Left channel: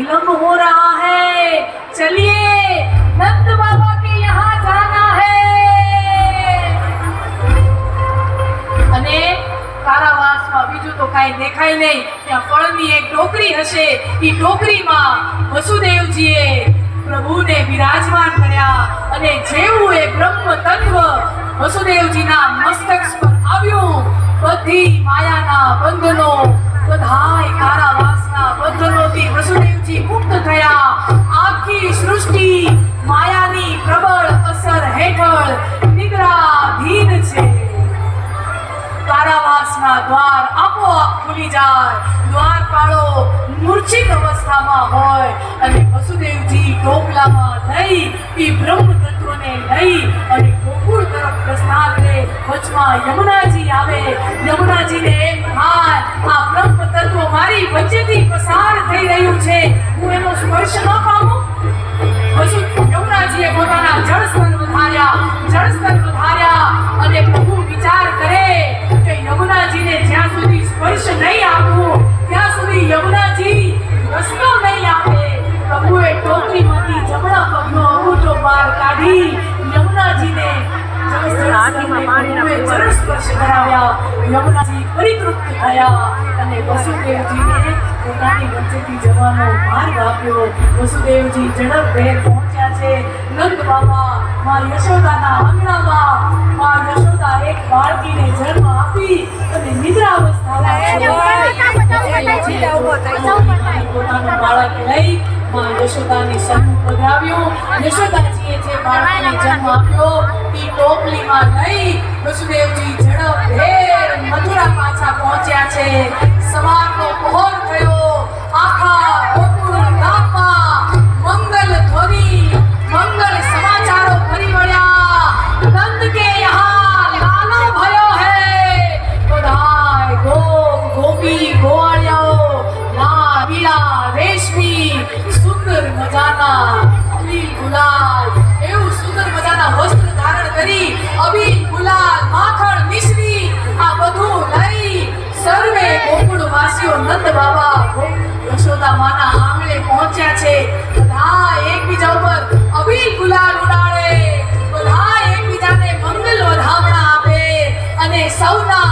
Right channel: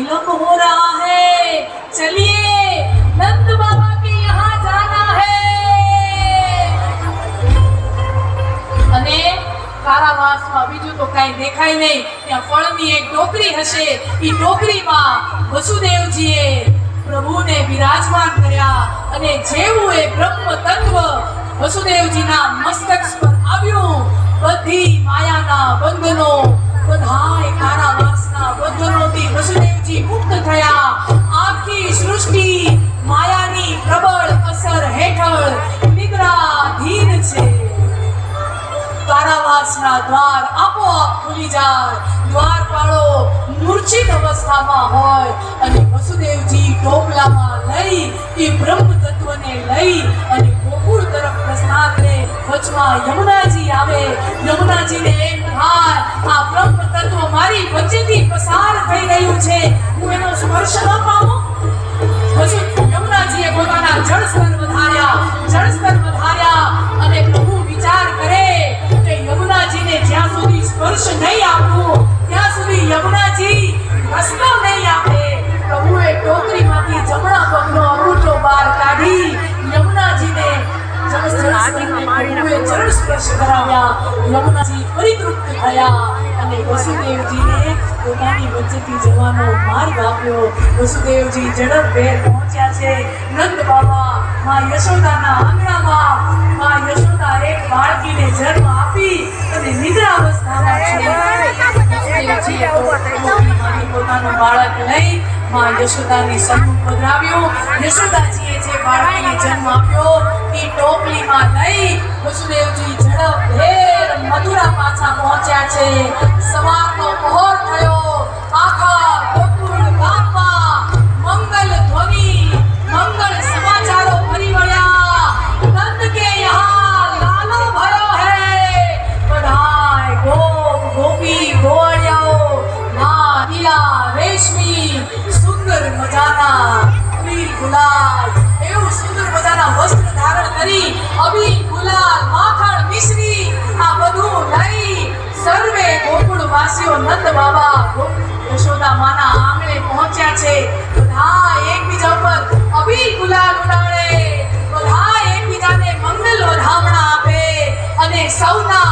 विलंब हो रहा है, चलिए नंद बाबा के यहाँ जाना है। अने कारावासમાં બીજું તો કાંઈ દેખાય નહીં, ત્યાં ફળની એક ટોકરી હશે, એ ટોકરીમાં વસુદેવજીએ પ્રભુને બિરાજમાન કર્યા અને જેવું એ બ્રહ્મ તત્વ વસુદેવજીના મસ્તક પર આવ્યું, બધી માયાના બંધનો, બધાય કારાવાસના બંધનોથી વસુદેવજી મુક્ત થયા। આખી સૃષ્ટિ માયાની પ્રબળ અસર હેઠળ નિદ્રાધીન છે। કારાવાસના દ્વાર આપોઆપ ખુલી જાય, દ્વારપાળો મૂર્છિત અવસ્થામાં હોય અને વસુદેવજી ટોપલામાં લઈ એ બ્રહ્મ તત્વને લઈ અને ગોકુળ તરફ પ્રસ્થાન કરે। વચમાં યમુનાજી આવે, યમુનાજીને એમ થાય આ બ્રહ્મ તત્વ મારી વચ્ચેથી પસાર થઈ રહ્યું છે, હું એનો સ્પર્શ ન પામું। યમુનાજીએ પોતાના જળસ્તર વધાર્યા અને પ્રભુ વિચાર કરે કે યમુનાજીને જ્યાં સુધી સ્પર્શ નહીં આપવું ત્યાં સુધી યમુનાજી રસ્તો નહીં આપે। પ્રભુએ ટોકરીમાંથી જમણા પગનો અંગૂઠો બહાર કાઢી યમુનાજીને જળ સ્પર્શ કરાવ્યા। યમુનાજી પરિતૃપ્ત થયા અને વસુદેવજીને પોતાની વચ્ચેથી જવાનો માર્ગ આપ્યો। વસુદેવજી ઝડપભેર પહોંચ્યા છે નંદ બાબા માં યશોદાના આંગણામાં। માં યશોદા એક બાળકીને જન્મ આપી અને નિદ્રાવસ્થામાં પોતાનું બાળક લઈ માં યશોદાની સન્મુખ પધરાવ્યું। યશોદાજીએ જે બાળકીને જન્મ આપ્યો એ ટોપલીમાં લઈ વસુદેવજી ઝડપભેર મથુરા પાછા પહોંચ્યા છે। સવારનો પહોર થયો, આખા ગોકુળ ગામમાં મંગલ ધ્વનિ, મંગલ સમાચારો ફરી વળ્યા। નંદ કે યહાં લાલો ભયો હૈ, બધાય ગોપ ગોપી ગોવાળિયાઓ લાલ પીળા રેશમી સુંદર મજાના અબીલ ગુલાલ, એવું સુંદર મજાના વસ્ત્ર ધારણ કરી અબીલ ગુલાલ માખણ મિશ્રી આ બધું લઈ સર્વે ગોકુળવાસીઓ નંદ બાબા યશોદા માના આંગણે પહોંચ્યા છે। બધા એકબીજા ઉપર અબીલ ગુલાલ ઉડાડે, બધા એકબીજાને મંગલ વધામણા આપે અને સૌના